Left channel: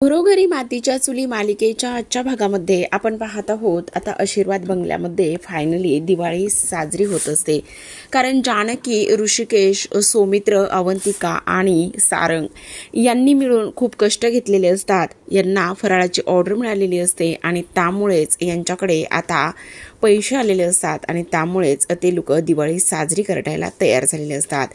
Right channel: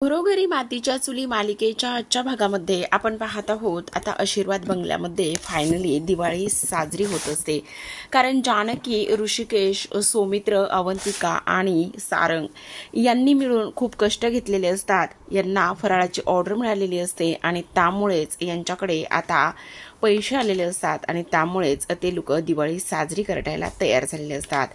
घरोघरी मातीच्या चुली मालिकेच्या आजच्या भागामध्ये आपण पाहत आहोत आता आशीर्वाद बंगल्यामध्ये फायनली दिवाळी साजरी होत असते। कारण जानकी, ऋषिकेश, सौमित्र, अवंतिका आणि सारंग यांनी मिळून खूप कष्ट घेतलेले असतात। यांना फराळाची ऑर्डर मिळालेली असते आणि त्यामुळेच यांच्याकडे आता पैसे आलेले असतात आणि त्यामुळेच ते लोक दिवाळी साजरी करायला तयार झालेले असतात।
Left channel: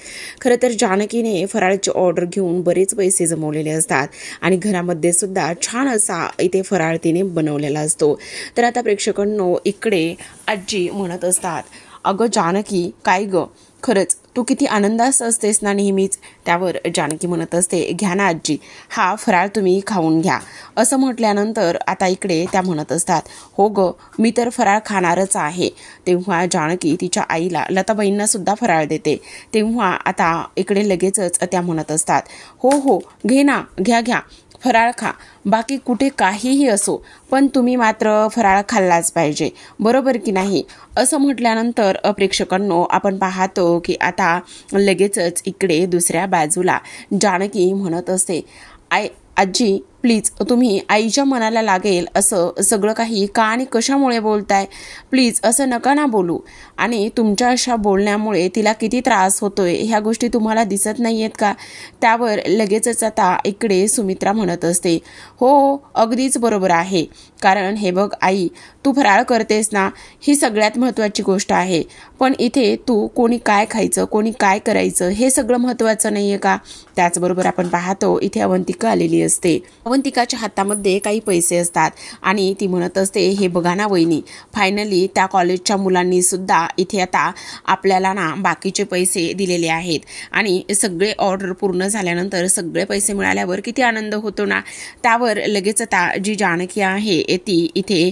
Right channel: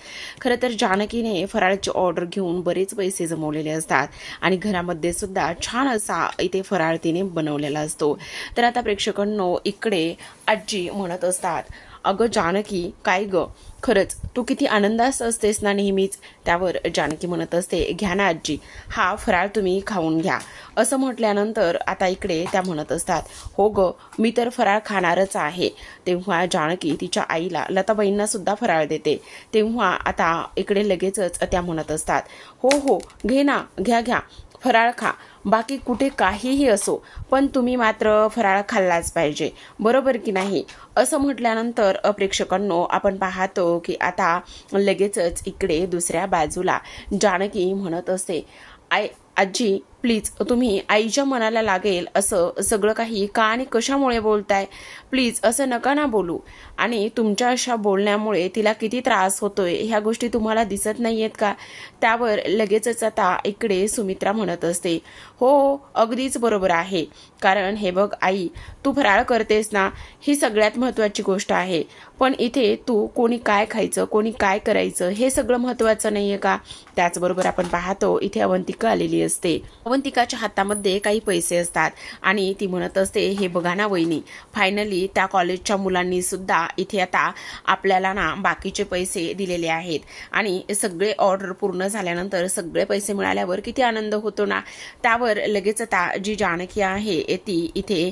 खरं तर जानकीने फराळाची ऑर्डर घेऊन बरेच पैसे जमवलेले असतात आणि घरामध्ये सुद्धा छान असा इथे फराळ तिने बनवलेला असतो। तर आता प्रेक्षकांनो इकडे आजी म्हणत असतात, अगं जानकी काय ग, खरंच तू किती आनंदात असतेस ना नेहमीच। त्यावर जानकी म्हणत असते, घ्या ना आजी, हा फराळ तुम्ही खाऊन घ्या। असं म्हटल्यानंतर आता इकडे त्या म्हणत असतात, हो ग मी तर फराळ खाणारच आहे। तेव्हा जानकी तिच्या आईला लताबाईंना सुद्धा फराळ देते। तेव्हा आता इकडे लगेचच त्या म्हणत असतात, हो हो घे ना, घ्या घ्या फराळ खा, बाकी कुठे काहीही असो पण तुम्ही मात्र फराळ खाल्लाच पाहिजे, बरोबर की नाही। असं म्हटल्यानंतर प्रेक्षकांनो आपण पाहतो की आता लगेचच इकडे दुसऱ्या बाजूला जानकी म्हणत असते, आजी प्लीज तुम्ही आईच्या मनाला लागेल असं सगळं काही का आणि कशामुळे बोलताय, प्लीज असं नका ना बोलू। आणि तुमच्या अशा बोलण्यामुळे तिला किती त्रास होतोय ह्या गोष्टी तुम्हाला दिसत नाहीयेत का। त्यावर लगेचच आता इकडे सुमित्रा म्हणत असते, हो अगदीच बरोबर आहे, कारण हे बघ आई, तू फराळ करतेस ना ही सगळ्यात महत्त्वाची गोष्ट आहे, पण इथे तू कोणी काय खायचं कोणी काय करायचं हे सगळं महत्त्वाचं नाहीये का। त्याचबरोबर आपण पाहतो इथे अवंतिका आलेली असते। अवंतिकाच्या हातामध्ये काही पैसे असतात आणि ती म्हणत असते, हे बघा ना वहिनी, फायनली त्या कॉलेजच्या मुलांनी सुद्धा इथे आता आपल्याला ना बाकीचे पैसे दिलेले आहेत आणि सगळे ऑर्डर पूर्ण झाल्यानंतर सगळे पैसे मिळाल्यावर किती आनंद होतो ना। त्यावर लगेच आता जी जानकी आहे ती इथे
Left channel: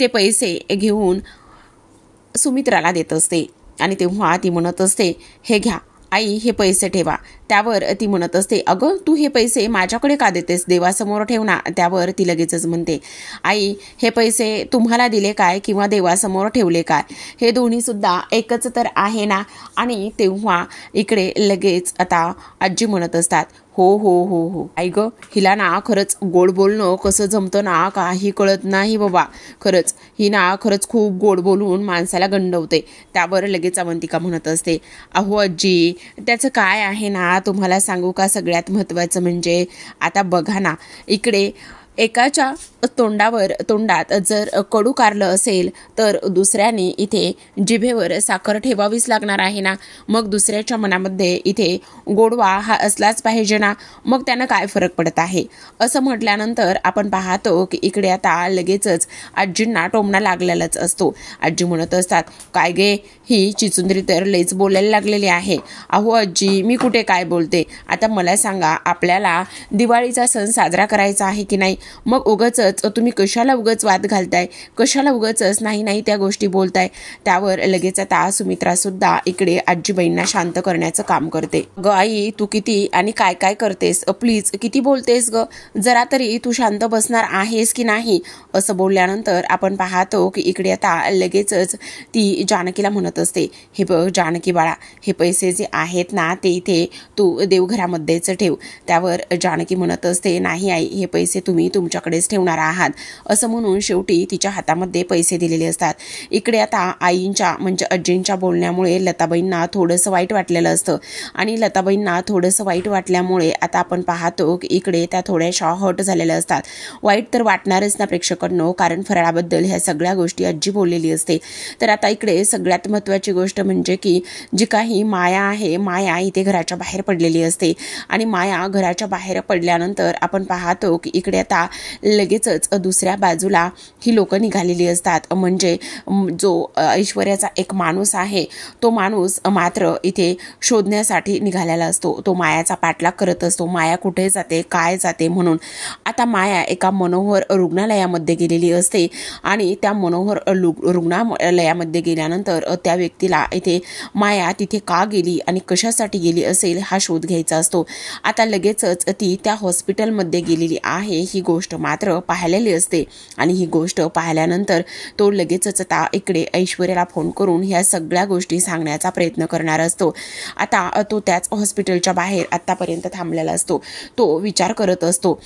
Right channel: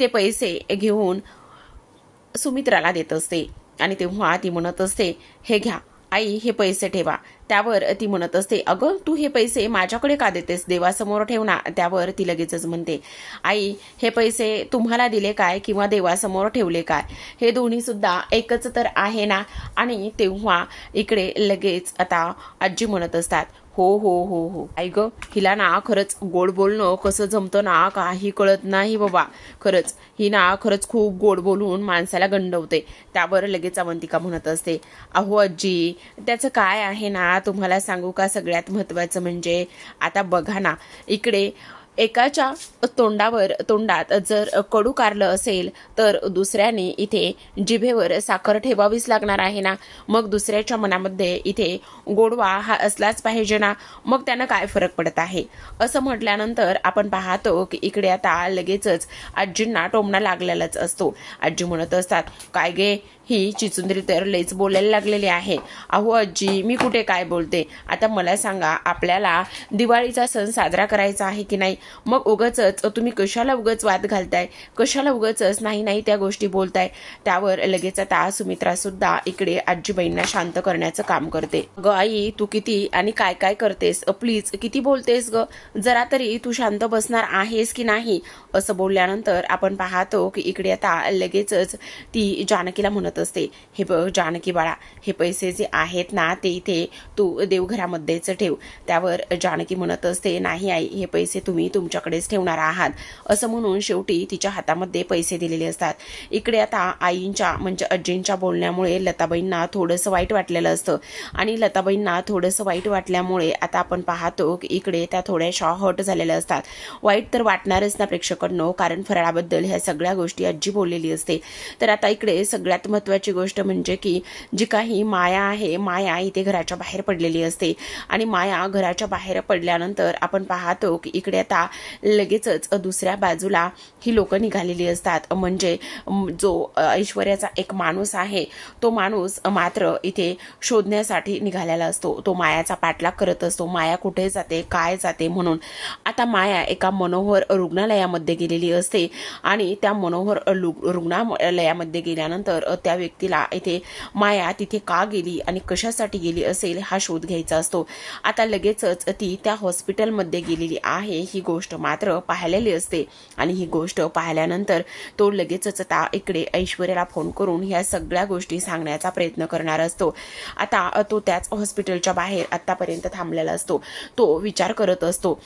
ते पैसे घेऊन सुमित्राला देत असते आणि तेव्हा ती म्हणत असते, हे घ्या आई, हे पैसे ठेवा। त्यावर ती म्हणत असते, अगं तू हे पैसे माझ्याकडे का देतेस, देवासमोर ठेव ना। त्यावर ती लगेचच म्हणते, आई हे पैसे तुम्हाला दिले काय किंवा देवासमोर ठेवले काय, हे दोन्ही सुद्धा एकच तर आहे ना। आणि तेव्हा इकडे लगेच आता आजी म्हणत असतात, हो हो हो हो आई ग, हिला ना खरंच गोड बोलणं कसं जमतं ना काही कळत नाही बाबा, खरंच ही ना खरंच खूप गोड बोलून माणसाला गंडवते। त्यावर लगेच अवंतिका म्हणत असते, अहो आजी त्याचं काय आहे ना, तुम्हाला सांगू का, सगळ्यात महत्त्वाचं म्हणजे आता बघा ना इकडे एकाच्या तोंडात जर कडू कारलं असेल तर दुसऱ्याने इथे जिभेवर साखर ठेवावीच लागणार आहे ना। मग दुसऱ्याच्या मनामध्ये इथे गोडवा हा असलाच पाहिजे ना, मग त्यानं काय फरक पडत आहे। असं म्हटल्यानंतर आपण पाहतो की इकडे आता लगेचच आजींना टोमणा लागलेलाच असतो। आजी म्हणत असतात, काय गे ही चिचुंद्री तर लईच बोलायला लागलेली आहे। अहो आजी मी कुठे काय बोलते, आता मला सांगा आपल्याला दिवाळीचा सण साजरा करायचा आहे की नाही, मग उगाचच तुम्ही कशाला उगाच वाद घालताय, कशाला उगाचच नाही नाही त्या गोष्टी बोलताय। त्यावर लगेच आता सुमित्रा सुद्धा इकडे आजीबाईंना शांत करण्याचं काम करते। ग आई तू किती आणि काय काय करतेस, प्लीज किती बोलतेस ग, जरा तरी तू शांत बसणार आहेस की नाही। असं बोलल्यानंतर आपण पाहतो की इकडे आता लगेचच ती जानकीला म्हणत असते, हे बघ जानकी बाळा, हे पैसे जे आहेत ना ते इथे तू देवघरामध्येच ठेव। त्यावर जानकी म्हणत असते, नाही आई हे पैसे तुम्ही तुमच्याकडेच ठेवणार आहात। असं म्हणून शेवटी तिच्या हातामध्ये पैसे दिलेले असतात। इकडे आता आईंच्या म्हणजे आजींच्या बोलण्यामुळे लताबाईंना थोडंसं वाईट वाटलेलं असतं आणि लताबाईंना थोडंसं वाईट वाटल्यामुळे आता आपण पाहतो की इकडे त्या थोड्याशा हर्ट झालेल्या असतात। वाईट तर वाटणारच ना प्रेक्षकांनो, कारण फराळाबद्दल ह्या सगळ्या गोष्टी आजी बोललेली असते। तर आता इकडे सगळ्यात महत्त्वाची गोष्ट म्हणजे की जी काही माया आहे, माया इथे घराच्या बाहेर पडलेली असते आणि माया घराच्या बाहेर पडल्यानंतर आपण पाहतो की इकडे आता लगेचच दुसऱ्या बाजूला ही लोक निघालेली असतात। म्हणजे जो ऐश्वर्याचा एक माणूस आहे तो माणूस मात्र इथे शोधण्यासाठी निघालेला असतो। तो मायाचा पाठलाग करत असतो, माया कुठे जाते काय जाते म्हणून। आता माया एका मनोहर रुग्णालयामध्ये गेलेली असते आणि त्या मनोहर रुग्णालयामध्ये गेल्यानंतर त्या व्यक्तीला इथे माया तिथे का गेली आणि कशासाठी गेली असेल हा शोध घ्यायचा असतो। आता लगेचच ती त्या हॉस्पिटलमध्ये गेलेली आहे ही गोष्ट मात्र पाहिलेली असते आणि ही गोष्ट पाहिल्यानंतर तो लगेचच आता इकडे ऐश्वर्याला फोन करून ह्या सगळ्या गोष्टी सांगण्याचा प्रयत्न करणार असतो। आता तो त्याच हॉस्पिटलच्या बाहेर आतापर्यंत थांबलेला असतो। तो विचार करत असतो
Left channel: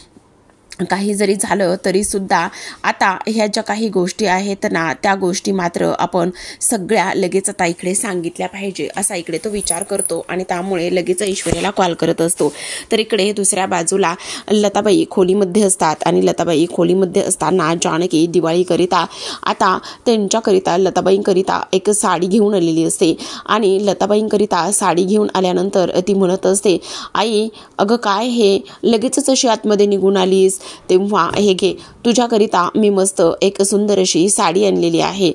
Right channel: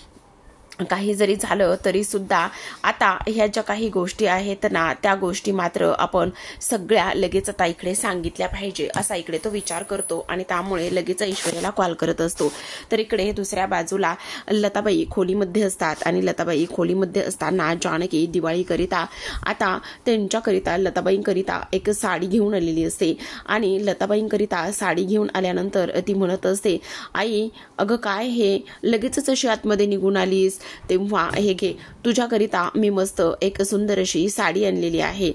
काही जरी झालं तरी सुद्धा आता ह्या ज्या काही गोष्टी आहेत ना त्या गोष्टी मात्र आपण सगळ्या लगेच आता इकडे सांगितल्या पाहिजे असा इकडे तो विचार करतो आणि त्यामुळे लगेच ऐश्वर्याला कॉल करत असतो. तर इकडे दुसऱ्या बाजूला लताबाई खोलीमध्ये असतात आणि लताबाई खोलीमध्ये असताना जानकी दिवाळीकरिता आता त्यांच्याकरिता लताबाईंकरिता एक साडी घेऊन आलेली असते आणि लताबाईंकरिता साडी घेऊन आल्यानंतर ती म्हणत असते, आई अगं काय हे लगेचच अशी आतमध्ये निघून आलीस, तेव्हा हे घे तुझ्याकरिता मी मस्त एक सुंदर अशी साडी आणलेली आहे.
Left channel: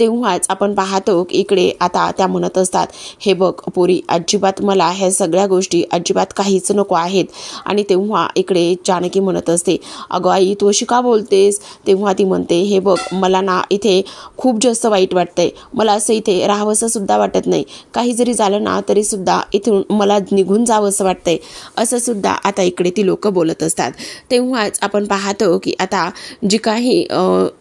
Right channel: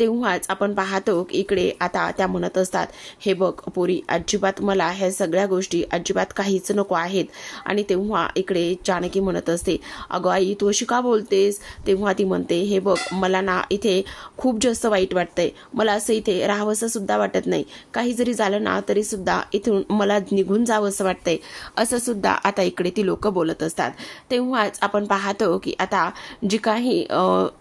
तेव्हाच आपण पाहतो की इकडे आता त्या म्हणत असतात, हे बघ पोरी अजिबात मला ह्या सगळ्या गोष्टी अजिबात काहीच नको आहेत. आणि तेव्हा इकडे जानकी म्हणत असते, अगं आई तू अशी का बोलतेस. तेव्हा ती म्हणते, हे बघ मला ना इथे खूप जास्त वाईट वाटतंय, मला असं इथे राहावंसं सुद्धा वाटत नाही, काही जरी झालं ना तरी सुद्धा इथून मला निघून जावं असं वाटतंय, असं सुद्धा आता इकडे ती लोक बोलत असतात. तेव्हाच आपण पाहतो की आता जी काही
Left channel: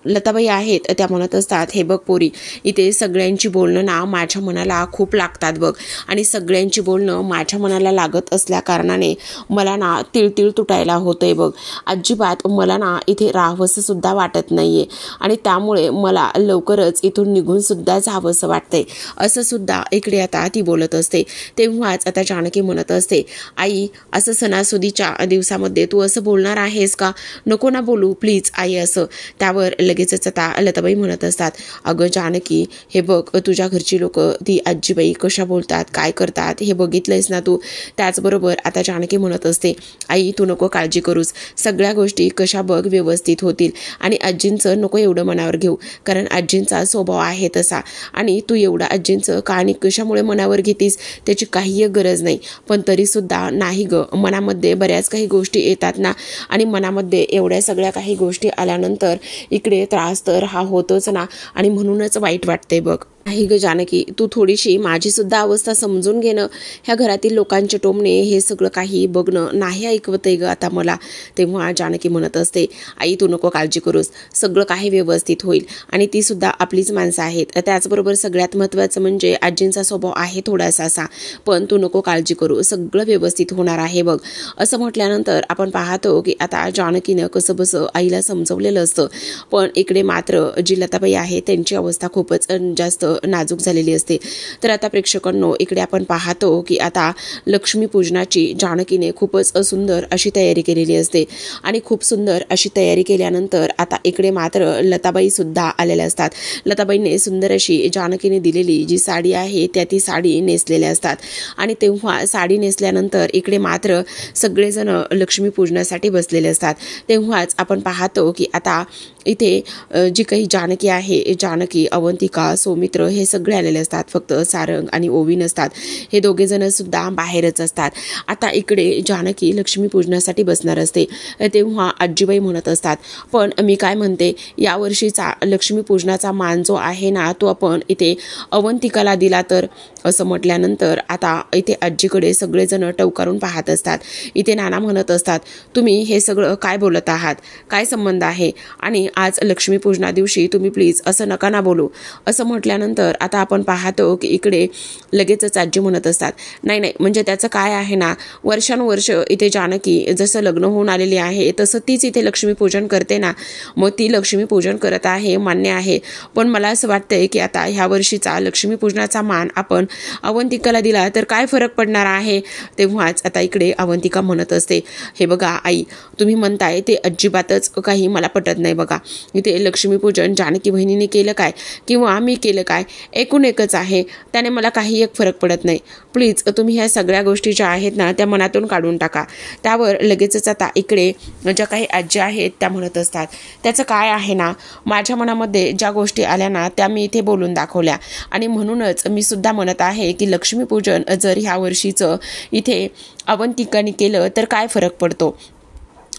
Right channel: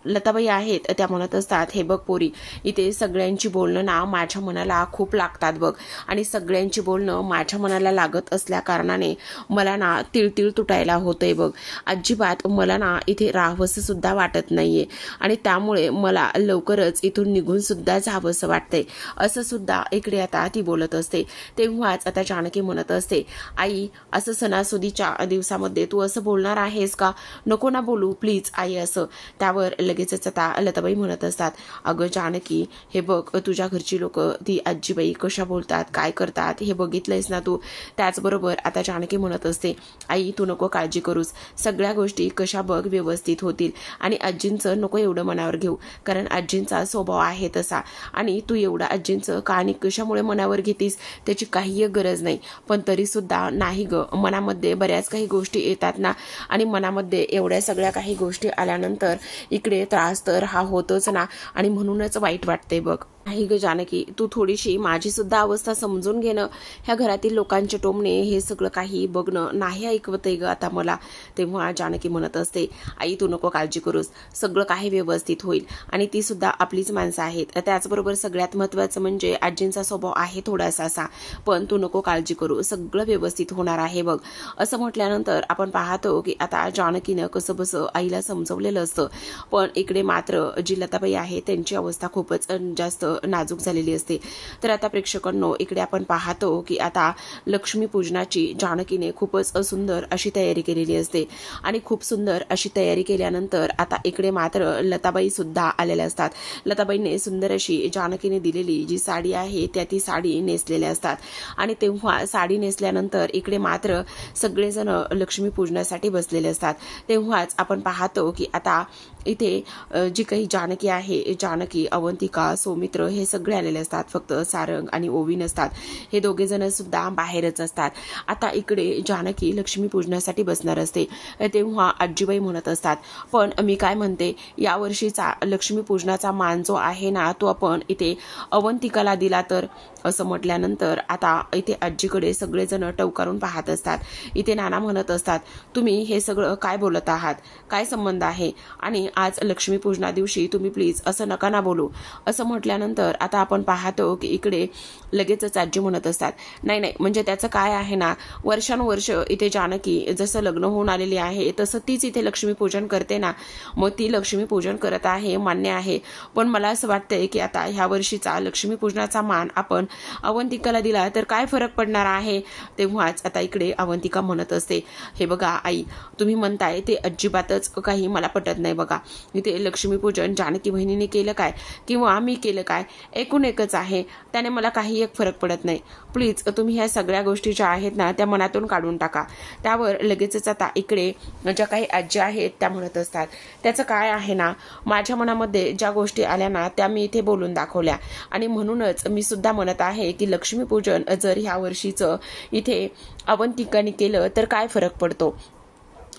लताबाई आहेत त्या म्हणत असतात, हे बघ पोरी इथे सगळ्यांची बोलणं ना माझ्या मनाला खूप लागतात बघ, आणि सगळ्यांची बोलणं माझ्या मनाला लागत असल्या कारणाने मला ना तिळतिळ तुटायला होतंय बघ, अजिबात मला ना इथे राहावंसं सुद्धा वाटत नाहीये आणि त्यामुळे मला लवकरच इथून निघून सुद्धा जावंसं वाटतंय, असं सुद्धा इकडे आता ती बोलत असते. तेव्हाच आता जानकी म्हणत असते, आई असं सणासुदीच्या दिवसामध्ये तू असं बोलणार आहेस का, नको ना बोलू प्लीज आई असं. त्यावर लगेचच आता लताबाई म्हणत असतात, अगं जानकी हे बघ तुझ्या घरची लोक ती आजीबाई कशा बोलतात काय करतात हे बघितलंयस ना तू. त्याचबरोबर आता जानकी म्हणत असते, आई तू नको काळजी करूस, सगळ्या गोष्टी कशा बघ व्यवस्थित होतील आणि आजींचं नको एवढं मनावर घेऊ, कारण आजींचा स्वभाव आहे तसा आणि तू एवढा आजींचं का आणि कशामुळे मनावर घेतीस त्याची काही गरज नाही. पण तरीसुद्धा नाही ग, मनामध्ये बऱ्याच काही गोष्टी येतात ना आणि मनामध्ये एवढ्या सगळ्या काही गोष्टी आल्यानंतर इकडे त्रास तर हा होतोच ना आणि म्हणूनच वाईट वाटते बघ. नाही ग जानकी तू थोडीशी माझी सुद्धा अवस्था समजून घेणं, ह्या घरातील लोकांचे टोमणे हे सगळं काही बघणं नाही ऐकवतंय ग आता मला. तेव्हा जानकी म्हणत असते, आई तू नको काळजी करूस, सगळं काही व्यवस्थित होईल आणि ती सुद्धा आपलीच माणसं आहेत. त्याचबरोबर सगळ्यात महत्त्वाचं म्हणजे आजींचा स्वभाव आहे थोडासा असा, पण तू नको काळजी करू, सगळं व्यवस्थित होणार आहे बघ. असं म्हटल्यानंतर आपण पाहतो की आता जानकीनं कसं बसं आईला समजवलेलं असतं, पण इकडे मात्र जी लताबाई आहे त्यांची अवस्था खूपच जास्त नाजूक झालेली असते. तर आता प्रेक्षकांनो इकडे आपण पाहतो की आता लक्ष्मीपूजनाची जानकीने खूपच सुंदर अशी तयारी केलेली असते आणि खूप सुंदर अशी तयारी केल्यानंतर आता इकडे मात्र लताबाई सुद्धा आलेल्या असतात. लताबाईंनी सुंदर अशी जानकीने दिलेली जी साडी आहे त्या ती साडी नेसलेल्या असतात आणि तेव्हा साडी नेसल्यानंतर इकडे मात्र सगळेजण लक्ष्मीपूजनासाठी बसलेले असतात. तेव्हाच आपण पाहतो की आता इथे जी काही जानकी आहे, जानकी अवंतिका सौमित्र हे सगळे आलेले असतात, फक्त सारंग आणि ओवी नसतात, हे दोघे जण सुद्धा बाहेरच असतात. आता इकडे जानकी लक्ष्मीपूजनासाठी बसणार असते. तेव्हा आजीबाई म्हणत असतात, पण मी काय म्हणते यावर्षीचा लक्ष्मीपूजनाचा मान जो आहे ना तो आपण इथे अवंतिकाला दिला तर, असं म्हटल्यानंतर आता इथे आजीकडे सगळेजण टवकारून पाहत असतात. इथे नाना म्हणत असतात, तुम्ही हे सगळं काय बोलत आहात, काय संबंध आहे आणि आज लक्ष्मीपूजना दिवशी तुम्ही प्लीज असं नका ना बोलू. असं म्हटल्यानंतर आता आपण पाहतो की इकडे लगेचच आजी म्हणत असतात, नाही नाही म्हणजे त्याचं काय आहे ना, वर्षानुवर्ष इथे जानकी जसं लग्न होऊन आलेली आहे तसं तीच इथे लक्ष्मीपूजन करते ना, मग ती लक्ष्मीपूजन करत आहे मान्य आहे, पण मला असं वाटतंय की आता ह्या वर्षीचा लक्ष्मीपूजनाचा मान आपण अवंतिकाला दिला तर काय फरक पडणार आहे. तेव्हाच आता इकडे अवंतिका म्हणत असते, हे बघा आई तुम्ही म्हणताय ते अजिबातच काही मला पटत नाही बघा, इथे लक्ष्मीपूजन जानकी बहिणीने केलं काय किंवा मी केलं काय एकूण एकच आहे, त्याने मला काही एक फरक पडत नाही. प्लीज तुम्ही ह्या सगळ्या गोष्टी ज्या आहेत ना त्या मनातून काढून टाका. त्यावर लगेचच आता इकडे ज्या काही आजी आहेत त्या म्हणत असतात, त्याचं काय आहे ना, माझ्या मनामध्ये ज्या गोष्टी आल्या ना त्या मी इथे बोलून दाखवल्या आणि म्हणूनच मी सुद्धा म्हणत आहे की लक्ष्मीपूजन जर ह्या वर्षीचं इथे अवंतिकाने केलं तर काय फरक पडतो,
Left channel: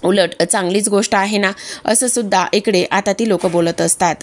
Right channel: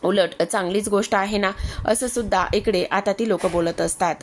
उलट चांगलीच गोष्ट आहे ना, असं सुद्धा इकडे आता ती लोक बोलत असतात.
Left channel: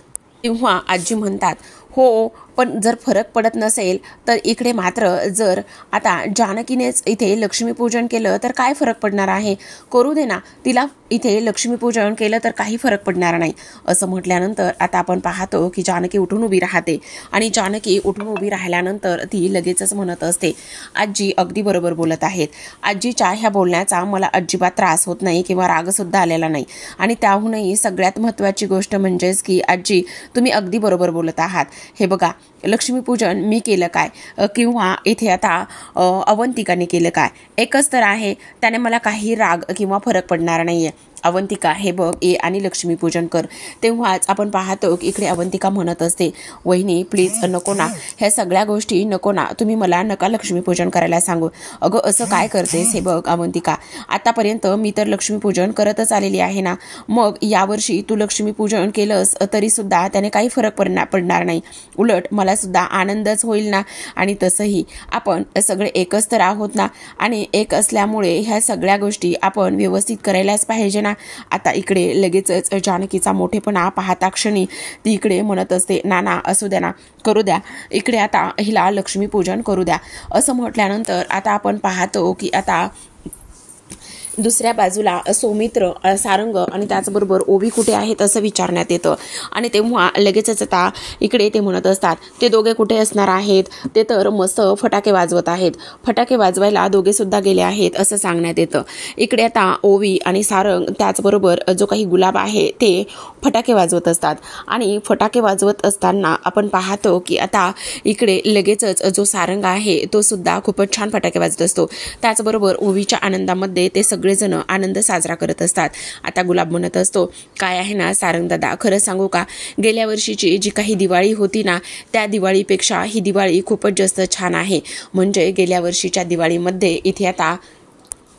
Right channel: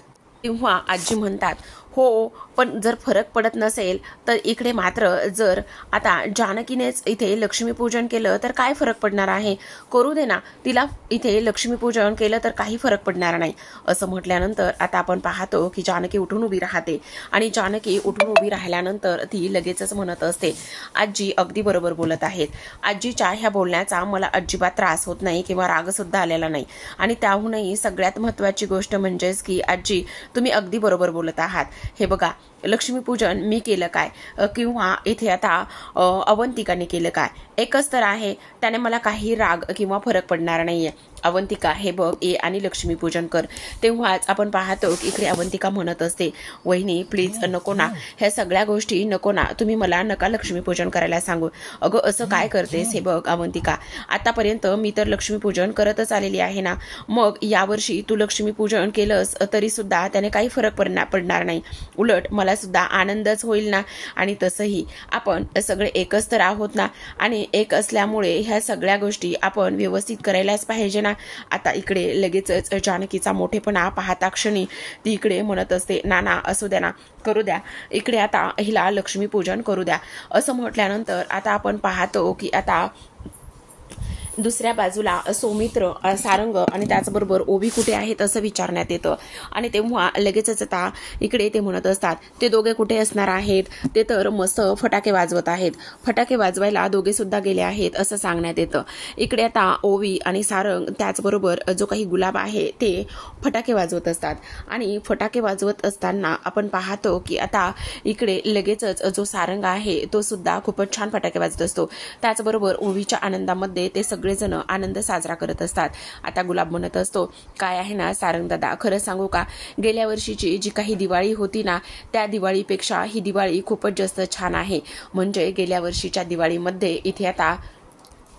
तेव्हा आजी म्हणतात, हो पण जर फरक पडत नसेल तर इकडे मात्र जर आता जानकीनेच इथे लक्ष्मीपूजन केलं तर काय फरक पडणार आहे, करू दे ना तिला, इथे लक्ष्मीपूजन केलं तर काही फरक पडणार नाही असं म्हटल्यानंतर आता आपण पाहतो की जानकी उठून उभी राहते आणि जानकी उठून उभी राहिल्यानंतर ती लगेचच म्हणत असते, आजी अगदी बरोबर बोलत आहेत. आजीच्या ह्या बोलण्याचा मला अजिबात त्रास होत नाही किंवा राग सुद्धा आलेला नाही. आणि त्याहूनही सगळ्यात महत्त्वाची गोष्ट म्हणजेच की आजी तुम्ही अगदी बरोबर बोलत आहात. हे बघा, लक्ष्मीपूजन मी केलं काय किंवा इथे आता अवंतिकाने केलं काय, एकच तर आहे, त्याने मला काही राग किंवा फरक पडणार नाहीये. अवंतिका हे बघ ये आणि लक्ष्मीपूजन कर. तेव्हाच आपण पाहतो की इकडे अवंतिका म्हणत असते, वहिनी प्लीज नको ना, ह्या सगळ्या गोष्टी नको ना, तुम्ही मला नका लक्ष्मीपूजन करायला सांगू. अगं असं काय करतेस, हे बघ अवंतिका, आतापर्यंत मी तर लक्ष्मीपूजन करतच आलेली आहे ना, मग यावर्षी तू लक्ष्मीपूजन केलंस तरी सुद्धा त्याने काही फरक पडणार नाही, उलट मला सुद्धा आनंदच होईल ना. आणि तसंही आपण सगळे एकच तर आहोत ना, आणि एक असल्यामुळे ह्या सगळ्या गोष्टी आपण व्यवस्थित करायलाच पाहिजे ना. आता इकडे लगेचच जानकीचा मोठेपणा पाहता क्षणी ती इकडे म्हणत असते, नाना असू द्या ना, करू द्या, इकडे आता हिला लक्ष्मीपूजन करू द्या. असं म्हटल्यानंतर आता आपण पाहतो की आता दुसऱ्या बाजूला सौमित्र, सारंग आणि त्याचबरोबर ओवी कुठे आहेत असं विचारण्यात येतं. आणि तेव्हा लगेचच आता इकडे ते म्हणत असतात, ते दोघे कुठे असणार आहेत, ते तर मस्त फटाके वाजवत आहेत, फटाके वाजवायला दोघे सुद्धा गेले आहेत असं सांगण्यात येतं. इकडे आता ओवी आणि सारंग त्याचबरोबर जो काही गुलाब आहे ते फटाके वाजवत असतात. आणि फटाके वाजवत असताना आपण पाहतो की आता इकडे लगेचच जो सारंग आहे तो सुद्धा खूपच छान फटाके वाजवत असतो. त्याचबरोबर ओवीच्या आनंदामध्ये ते सगळेजण आनंद साजरा करत असतात. आता गुलाब म्हणत असतो, काय आहे ना सारंग दादा, खरं सांगू का, गेल्या वर्षीची जी काही दिवाळी होती ना, त्या दिवाळीपेक्षा ही दिवाळी खूपच जास्त छान आहे. म्हणजे गेल्या वर्षीच्या दिवाळीमध्ये इथे आता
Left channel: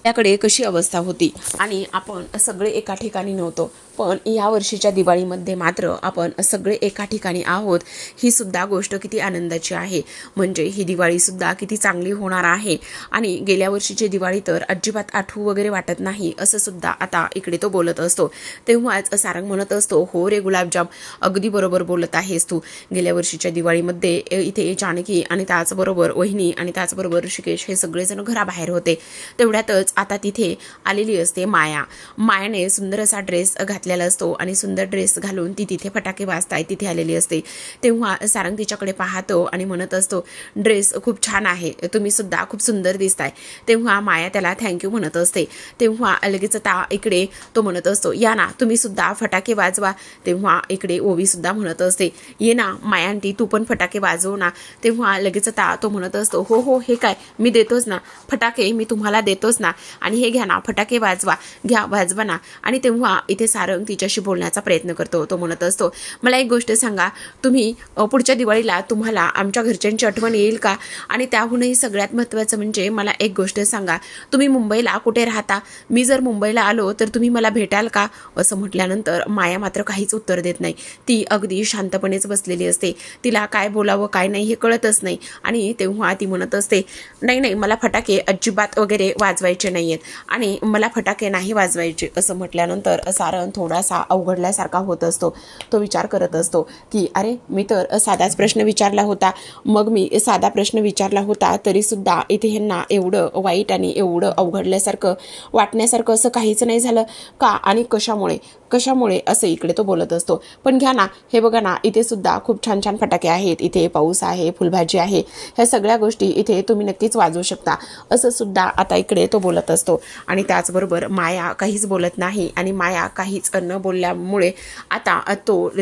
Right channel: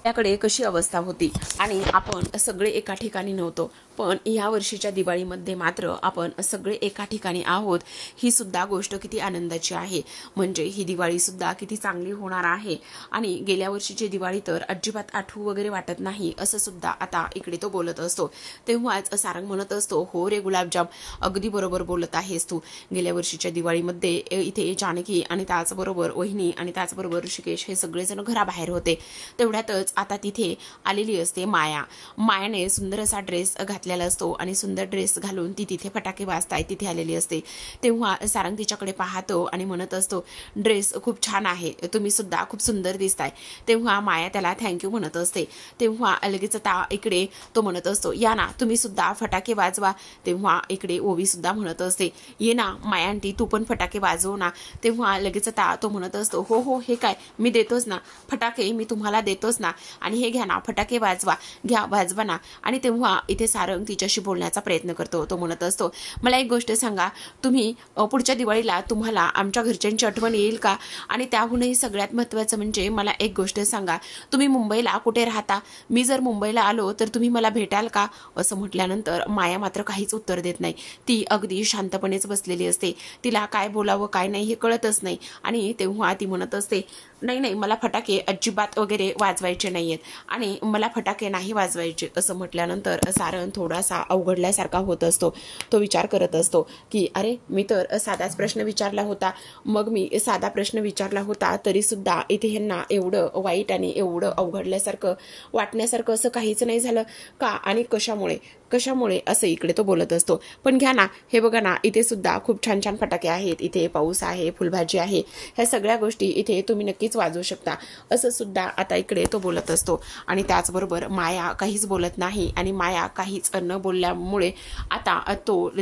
आपल्याकडे कशी अवस्था होती आणि आपण सगळे एका ठिकाणी नव्हतो, पण या वर्षीच्या दिवाळीमध्ये मात्र आपण सगळे एका ठिकाणी आहोत. ही सुद्धा गोष्ट किती आनंदाची आहे. म्हणजे ही दिवाळी सुद्धा किती चांगली होणार आहे. आणि गेल्या वर्षीची दिवाळी तर अजिबात आठवू वगैरे वाटत नाही असं सुद्धा आता इकडे तो बोलत असतो. तेव्हाच सारंग म्हणत असतो, हो रे गुलाबजाम, अगदी बरोबर बोलत आहेस तू. गेल्या वर्षीच्या दिवाळीमध्ये इथे जानकी आणि त्याचबरोबर वहिनी आणि त्याचबरोबर ऋषिकेश हे सगळेजण घराबाहेर होते. तेवढ्यातच आता तिथे आलेली असते माया. मायाने सुंदर असा ड्रेस घातलेला असतो आणि सुंदर ड्रेस घालून ती तिथे फटाके वाजताय तिथे आलेली असते. तेव्हा सारंग तिच्याकडे पाहतो आणि म्हणत असतो, ड्रेस खूप छान आहे, तुम्ही सुद्धा खूप सुंदर दिसताय. तेव्हा माया त्याला थँक्यू म्हणत असते. तेव्हा लगेच आता इकडे तो म्हणत असतो, या ना तुम्ही सुद्धा फटाके वाजवा. तेव्हा इकडे ओवी सुद्धा म्हणत असते, ये ना मायांटी तू पण फटाके वाजव ना. तेव्हा लगेच आता तो म्हणत असतो, हो हो हे काय, मी देतोच ना फटाके, मी तुम्हाला देतोच ना, आणि हे घ्या ना फटाके वाजवा, घ्या वाजवा ना. आणि तेव्हा इथे सारंग तिच्याशी बोलण्याचा प्रयत्न करतो. तो म्हणत असतो, मला एक गोष्ट सांगा, तुम्ही पुढच्या दिवाळीला तुम्हाला आमच्या घरच्यांची आठवण येईल का? आणि त्याहूनही सगळ्यात महत्त्वाचं म्हणजे मला एक गोष्ट सांगा, तुम्ही मुंबईला कुठे राहता? मी जर मुंबईला आलो तर तुम्ही मला भेटाल का? असं म्हटल्यानंतर माया मात्र काहीच उत्तर देत नाही. ती अगदी शांतपणेच बसलेली असते. तिला काय बोलावं काय नाही हे कळतच नाही. आणि तेव्हा ती म्हणत असते, नाही नाही मला फटाके अजिबात वगैरे वाजवायचे नाहीयेत आणि मला फटाके नाही वाजवायचे. असं म्हटल्यानंतर सारंग थोडासा अवघडल्यासारखा होत असतो. तो विचार करत असतो की अरे मी तर साधाच प्रश्न विचारला होता, मग मी साधा प्रश्न विचारला होता तरी सुद्धा इथे ह्यांना एवढं वाईट आणि एवढं अवघडल्यासारखं वाटण्यासारखं असं काहीच नाही झालं का? आणि कशामुळे असं इकडे तो बोलत असतो. पण घ्या ना, हे बघा ना, इथे सुद्धा खूप छान छान फटाके आहेत, इथे पाऊस आहे, फुलभाजी आहे, ह्या सगळ्या गोष्टी इथे तुम्ही नक्कीच वाजवू शकता असं सुद्धा आता इकडे तो बोलत असतो. आणि त्याचबरोबर माया काहीच बोलत नाही. आणि माया काहीच न बोलल्यामुळे आता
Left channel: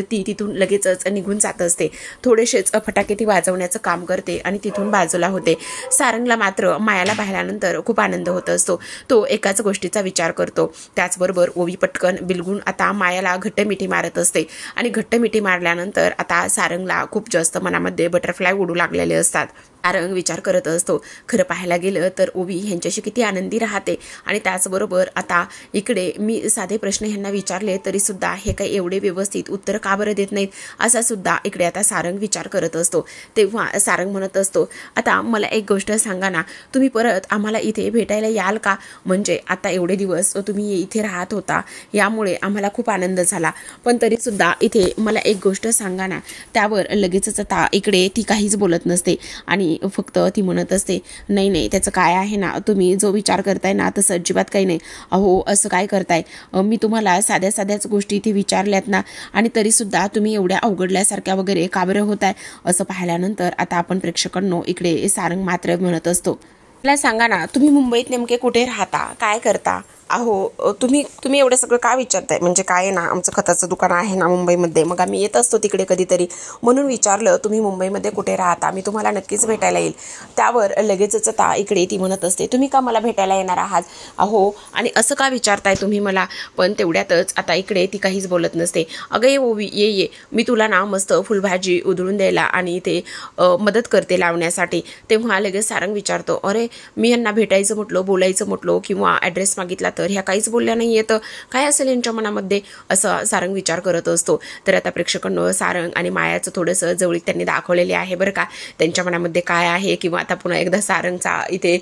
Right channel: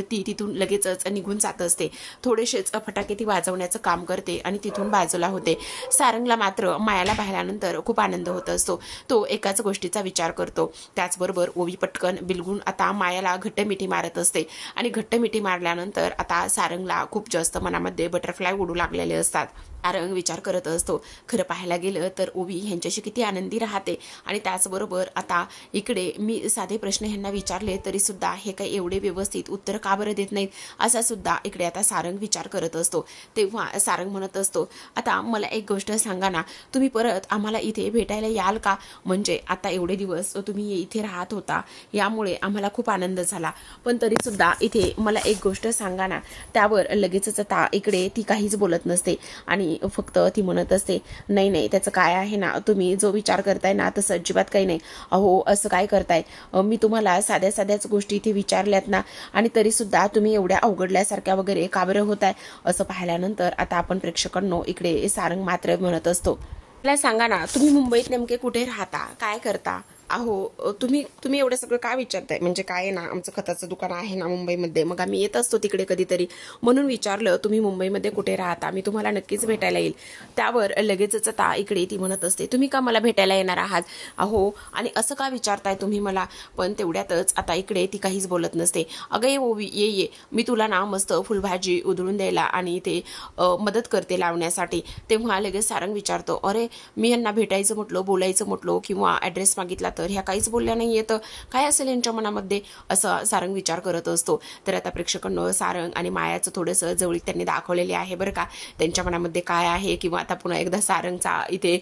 ती तिथून लगेचच निघून जात असते. थोडेसेच फटाके ती वाजवण्याचं काम करते आणि तिथून बाजूला होते. सारंगला मात्र मायाला पाहिल्यानंतर खूप आनंद होत असतो. तो एकाच गोष्टीचा विचार करतो. त्याचबरोबर ओवी पटकन बिलगून आता मायाला घट्ट मिठी मारत असते. आणि घट्ट मिठी मारल्यानंतर आता सारंगला खूप जास्त मनामध्ये बटरफ्लाय उडू लागलेले असतात. सारंग विचार करत असतो. खरं पाहायला गेलं तर ओवी ह्यांच्याशी किती आनंदी राहते आणि त्याचबरोबर आता इकडे मी साधे प्रश्न ह्यांना विचारले तरी सुद्धा हे काही एवढे व्यवस्थित उत्तर का बरं देत नाहीत असा सुद्धा इकडे आता सारंग विचार करत असतो. तेव्हा सारंग म्हणत असतो, आता मला एक गोष्ट सांगा ना, तुम्ही परत आम्हाला इथे भेटायला याल का? म्हणजे आता एवढे दिवस तुम्ही इथे राहत होता यामुळे आम्हाला खूप आनंद झाला, पण तरी सुद्धा इथे मला एक गोष्ट सांगा ना. त्यावर लगेचच आता इकडे ती काहीच बोलत नसते आणि फक्त ती म्हणत असते, नाही नाही त्याचं काय आहे ना, तुम्ही जो विचार करताय ना तसं अजिबात काही नाही. अहो असं काय करताय, मी तुम्हाला साध्या साध्याच गोष्टी इथे विचारल्यात ना आणि तरी सुद्धा तुम्ही एवढ्या अवघडल्यासारख्या वगैरे का बरं होताय. असं पाहिल्यानंतर आता आपण प्रेक्षकांनो इकडे सारंग मात्र म्हणत असतो, मला सांगा ना, तुम्ही मुंबईत नेमके कुठे राहता, काय करता? अहो तुम्ही एवढं सगळं काय विचारताय? म्हणजे काय ना, आमचं खताचं दुकान आहे ना मुंबईमध्ये, मग आम्ही येत असतो तिकडे कधीतरी, म्हणून विचारलं तुम्ही मुंबईमध्ये कुठे राहता, मी तुम्हाला नक्कीच भेटायला येईल. त्यावर लगेचच आता इकडे ती म्हणत असते, तुम्ही का मला भेटायला येणार आहात? अहो आणि असं का विचारताय तुम्ही मला? पण तेवढ्यातच आता इकडे ती काहीच बोलत नसते. अगं ये ओवी ये, मी तुला ना मस्त फुलभाजी उधळून द्यायला आणि ते मदत करते लावण्यासाठी. तेव्हा लगेच सारंग विचारतो, अरे मी यांना भेटायचं म्हटलं, बोलायचं म्हटलं किंवा ॲड्रेस मागितला तर ह्या काहीच बोलल्या नाही येतं, काय असेल यांच्या मनामध्ये, असं सारंग विचार करत असतो. तर आता प्रेक्षकांनो सारंग आणि मायाचं थोडंसं जवळीक त्यांनी दाखवलेले आहे बरं का, त्यांच्या मनामध्ये काय आहे, किंवा आता पुन्हा एकदा सारंगचा इथे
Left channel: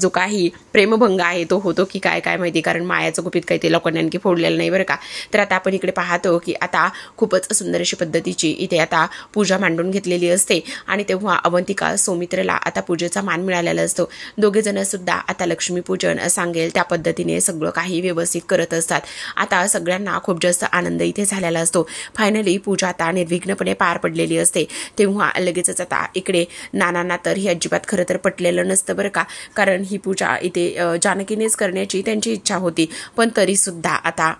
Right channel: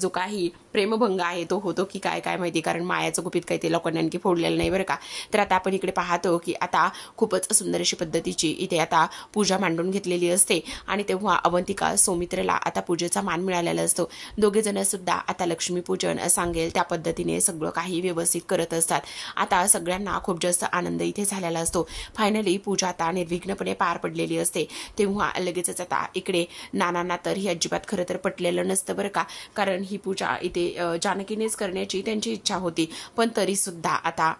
जो काही प्रेमभंग आहे तो होतो की काय काय माहिती, कारण मायाचं गुपित काही ते लोकांनी आणखी फोडलेलं नाही बरं का. तर आता आपण इकडे पाहतो की आता खूपच सुंदर अशी पद्धतीची इथे आता पूजा मांडून घेतलेली असते आणि तेव्हा अवंतिका सौमित्रला आता पूजेचा मान मिळालेला असतो. दोघे जण सुद्धा आता लक्ष्मीपूजन सांगेल त्या पद्धतीने सगळं काही व्यवस्थित करत असतात. आता सगळ्यांना खूप जास्त आनंद इथे झालेला असतो. फायनली पूजा आता निर्विघ्नपणे पार पडलेली असते. तेव्हा लगेचच आता इकडे नानांना तर ही अजिबात खरं तर पटलेलं नसतं बरं का, कारण ही पूजा इथे जानकीनेच करण्याची त्यांची इच्छा होती, पण तरी सुद्धा आता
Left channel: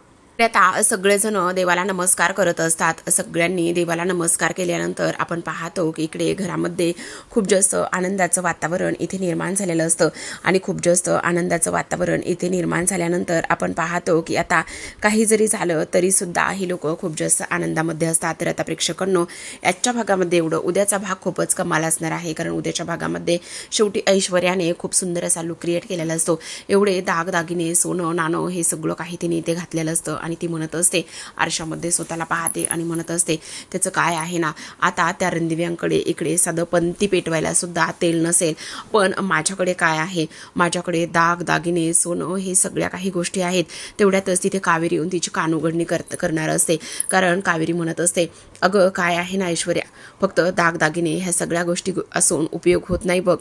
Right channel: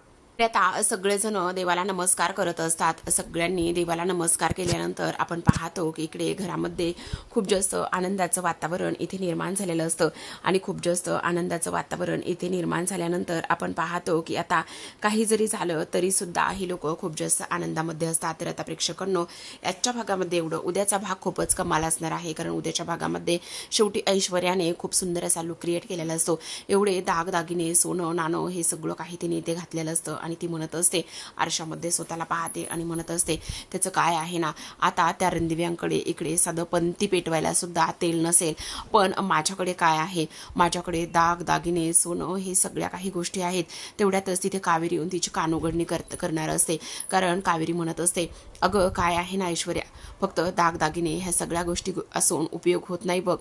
सगळेजण देवाला नमस्कार करत असतात. सगळ्यांनी देवाला नमस्कार केल्यानंतर आपण पाहतो की इकडे घरामध्ये खूप जास्त आनंदाचं वातावरण इथे निर्माण झालेलं असतं आणि खूप जास्त आनंदाचं वातावरण इथे निर्माण झाल्यानंतर आपण पाहतो की आता काही जरी झालं तरी सुद्धा ही लोक खूप जास्त आनंदामध्ये असतात. तर आता प्रेक्षकांनो याच्या भागामध्ये एवढं, उद्याचा भाग खूपच कमाल असणार आहे, कारण उद्याच्या भागामध्ये शेवटी ऐश्वर्याने खूप सुंदर असा लुक क्रिएट केलेला असतो. एवढे दागदागिने, सोनं नाणं हे सगळं काही तिने इथे घातलेलं असतं आणि ती म्हणत असते, आरशामध्ये स्वतःला पाहते आणि म्हणत असते, त्याचं काय आहे ना, आता त्या रणदिव्यांकडे इकडे साधं पंती पेटवायला सुद्धा तेल नसेल, पण माझ्याकडे काय आहे, माझ्याकडे दागिने, सोनं हे सगळ्या काही गोष्टी आहेत. तेवढ्यातच तिथे कावेरी येऊन तिची कानउघडणी करणार असते, कारण कावेरी म्हणत असते, अगं काय आहे ना ऐश्वर्या, फक्त दागिने ह्या सगळ्या गोष्टी असून उपयोग होत नाही बघ.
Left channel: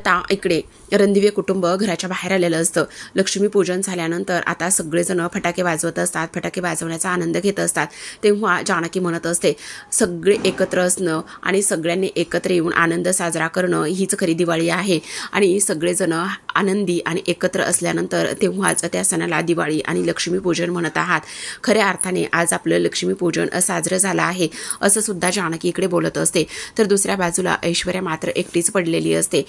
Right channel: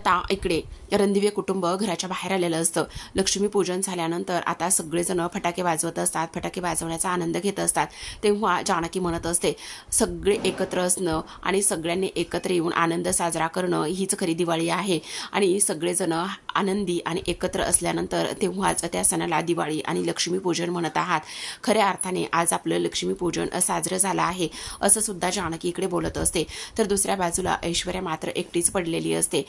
आता इकडे रणदिवे कुटुंब घराच्या बाहेर आलेलं असतं. लक्ष्मीपूजन झाल्यानंतर आता सगळेजण फटाके वाजवत असतात, फटाके वाजवण्याचा आनंद घेत असतात. तेव्हा जानकी म्हणत असते, सगळे एकत्र असणं आणि सगळ्यांनी एकत्र येऊन आनंद साजरा करणं हीच खरी दिवाळी आहे आणि सगळेजण आनंदी आणि एकत्र असल्यानंतर तेव्हाच त्या सणाला दिवाळी आणि लक्ष्मीपूजन म्हणत आहात. खऱ्या अर्थाने आज आपलं लक्ष्मीपूजन साजरं झालं आहे असं सुद्धा जानकी इकडे बोलत असते. तर दुसऱ्या बाजूला ऐश्वर्या मात्र एकटीच पडलेली असते.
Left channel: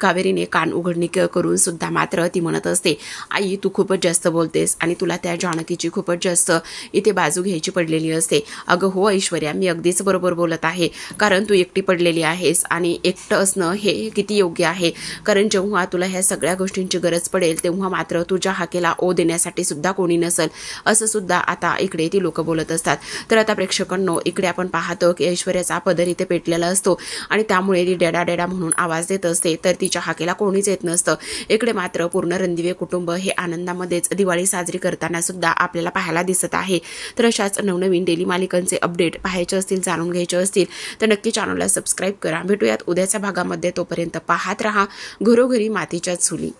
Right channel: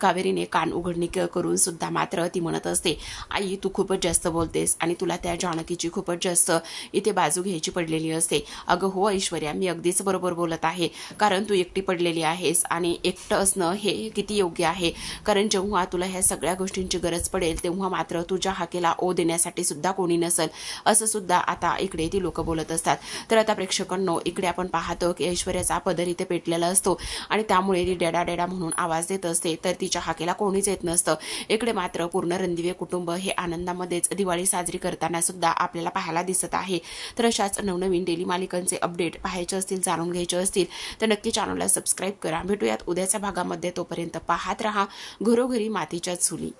कावेरीने कान उघडणी करून सुद्धा मात्र ती म्हणत असते, आई तू खूपच जास्त बोलतेस आणि तुला त्या जानकीची खूपच जास्त इथे बाजू घ्यायची पडलेली असते. अगं हो ऐश्वर्या, मी अगदीच बरोबर बोलत आहे, कारण तू एकटी पडलेली आहेस आणि एकटं असणं हे किती योग्य आहे, कारण जेव्हा तुला ह्या सगळ्या गोष्टींची गरज पडेल तेव्हा मात्र तुझ्या हाकेला ओ देण्यासाठी सुद्धा कोणी नसेल, असं सुद्धा आता इकडे ती लोक बोलत असतात. तर आता प्रेक्षकांनो इकडे आपण पाहतो की ऐश्वर्याचा पदर इथे पेटलेला असतो आणि त्यामुळे ती डेडा डेडा म्हणून आवाज देत असते, तर तिच्या हाकेला कोणीच येत नसतं. इकडे मात्र पूर्ण रणदिवे कुटुंब हे आनंदामध्येच दिवाळी साजरी करताना सुद्धा आपल्याला पाहायला दिसत आहे. तर अशाच नवनवीन डेली मालिकांचे अपडेट पाहायचे असतील, जाणून घ्यायचे असतील तर नक्की चॅनलला सबस्क्राईब करा. भेटूयात उद्याच्या भागामध्ये, तोपर्यंत पाहत रहा घरोघरी मातीच्या चुली.